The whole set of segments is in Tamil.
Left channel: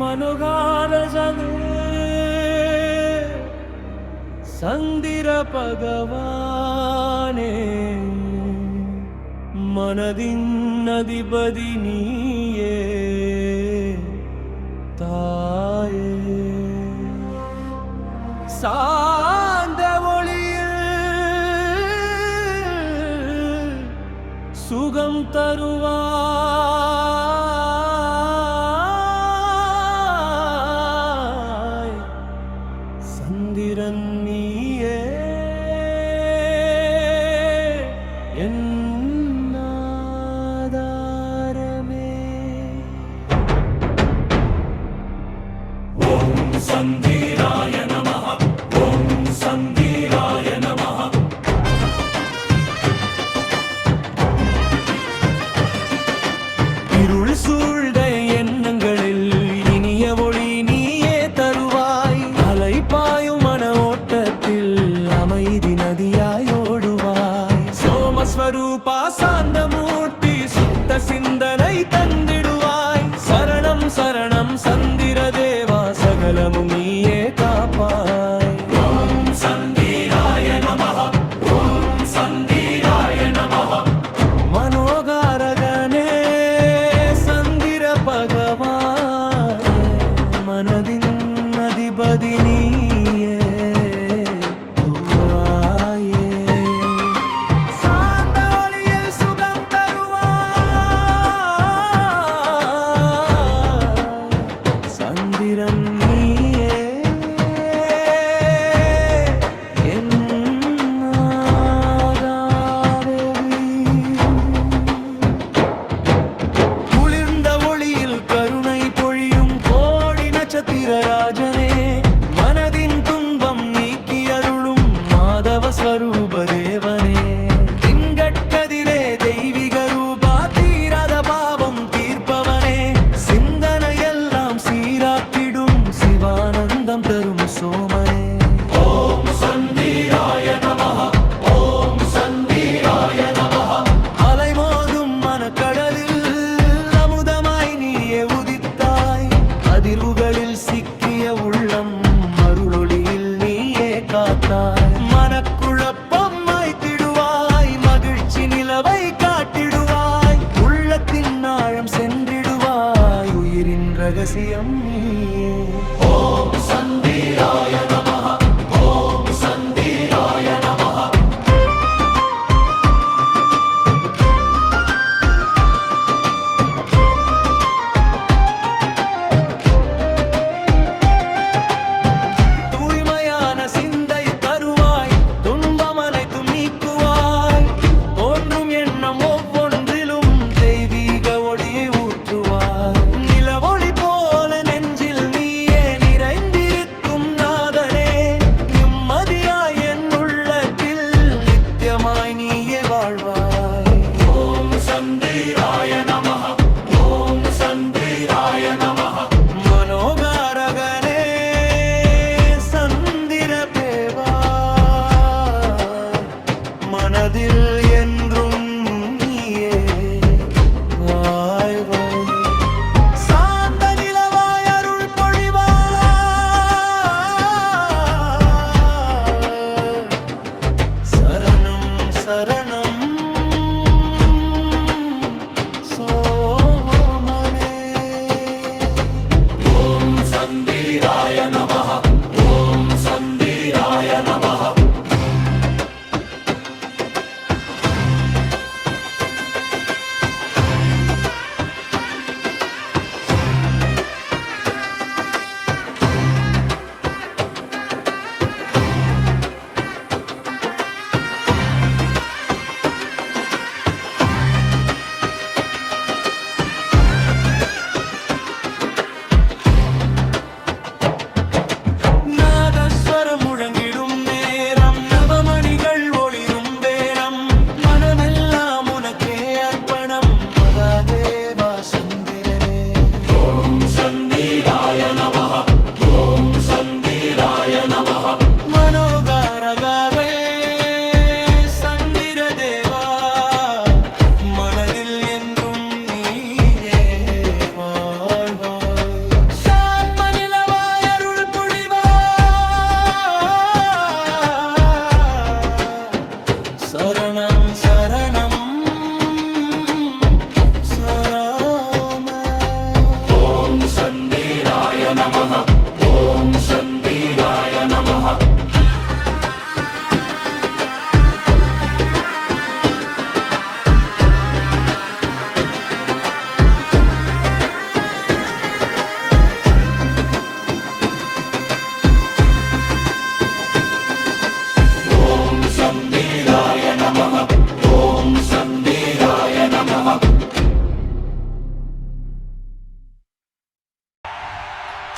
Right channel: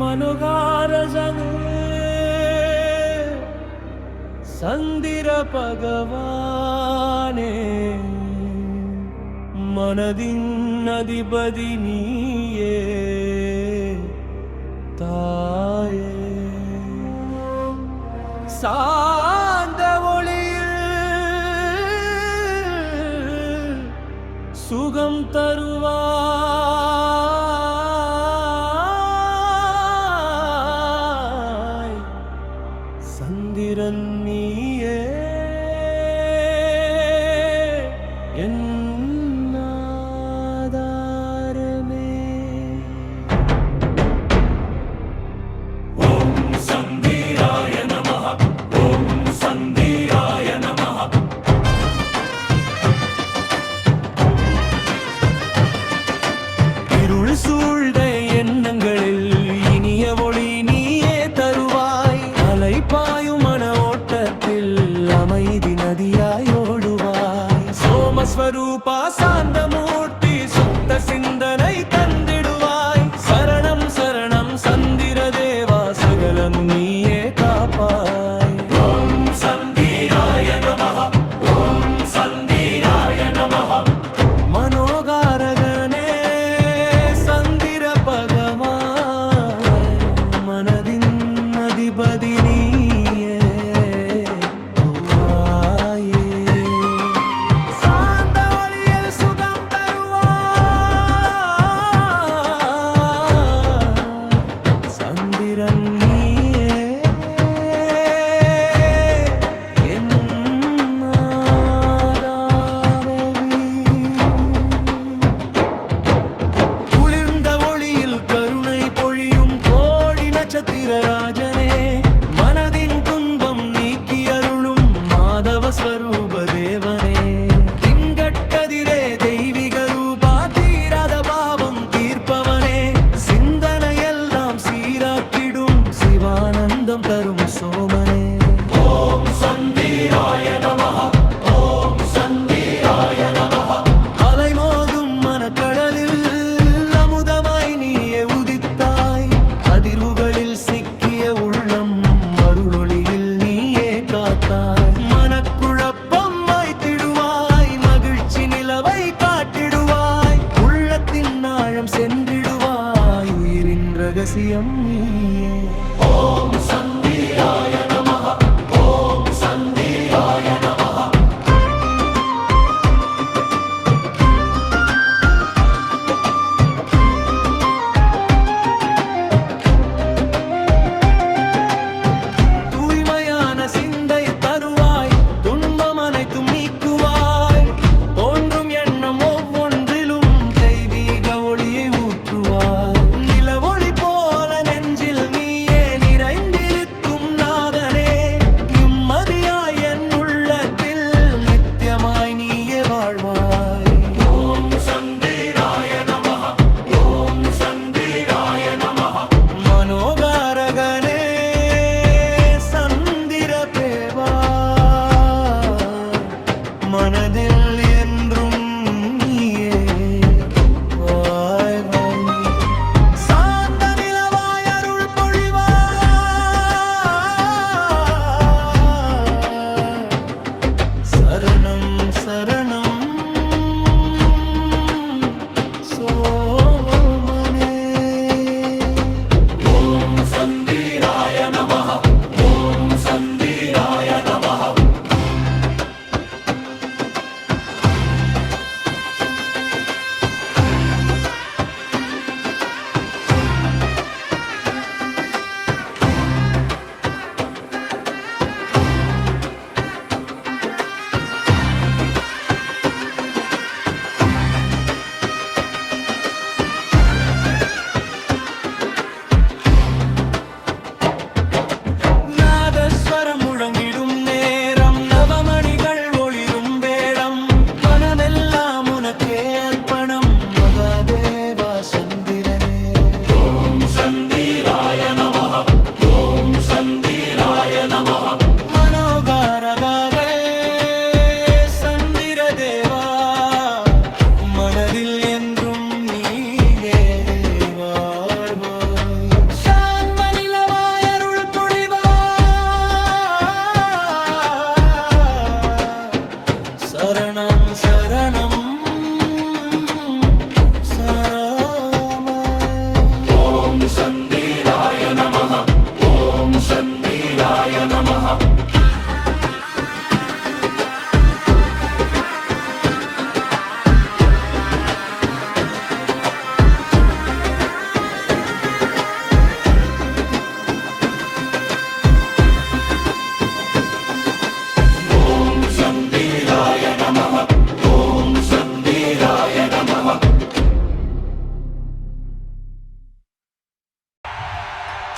மனோகாரஜனே சந்திர பகவானே மனதின் அதிபதி நீயே தாயே சாந்த ஒளியில் சுகம் தருவாய் சந்திரன் நீயே என் ஆதாரமே ஓம் சந்திராய நமஹ ஓம் சந்திராய நமஹ இருள் சூழ்ந்த எண்ணங்களில் இனிய ஒளி நீயே தருவாய் அலைபாயும் மன ஓட்டத்தில் அமைதி நதியாய் ஓடுவாய் சோமஸ்வரூபா சாந்தமூர்த்தி சுத்த சிந்தனை தந்திடுவாய் சரணம் சரணம் சந்திர தேவா சகலமும் நீயே காப்பாய் ஓம் சந்திராய நமஹ ஓம் சந்திராய நமஹ மனோகாரகனே சந்திர பகவானே மனதின் அதிபதி நீயே தாயே சாந்த ஒளியில் சுகம் தருவாய் சந்திரன் நீயே என் ஆதாரமே குளிர்ந்த ஒளியில் கருணை பொழியும் கோடி நட்சத்திர ராஜனே மனதின் துன்பம் நீக்கி அருளும் மாதவ ஸ்வரூப தேவனே திங்கட்கதிரே தெய்வீக ரூபா தீராத பாவம் தீர்ப்பவனே சிந்தனையெல்லாம் சீராக்கிடும் சிவானந்தம் தரும் சோமனே ஓம் சந்திராய நமஹ ஓம் சந்திராய நமஹ அலைமோதும் மனக்கடலில் அமுதமாய் நீயே உதித்தாய் அதிர்வுகளில் சிக்கிய உள்ளம் அருளொளியில் நீயே காத்தாய் மனக்குழப்பம் மாய்த்திடுவாய் மகிழ்ச்சி நிலவை காட்டிடுவாய் உள்ளத்தின் ஆழம் சென்றிடுவாய் உயிரின் ரகசியம் நீயே ஓம் சந்திராய நமஹ ஓம் சந்திராய நமஹ தூய்மையான சிந்தை தருவாய் துன்பம் அனைத்தும் நீக்குவாய் தோன்றும் எண்ணம் ஒவ்வொன்றிலும் தெய்வீக ஒளியை ஊற்றுவாய் நிலவொளி போல நெஞ்சில் நீயே நிறைந்த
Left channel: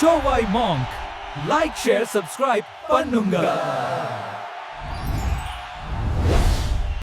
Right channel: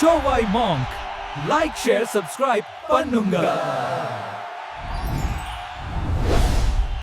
சோவாய் மாங்க் லைக் ஷேர் சப்ஸ்கிரைப் பண்ணுங்க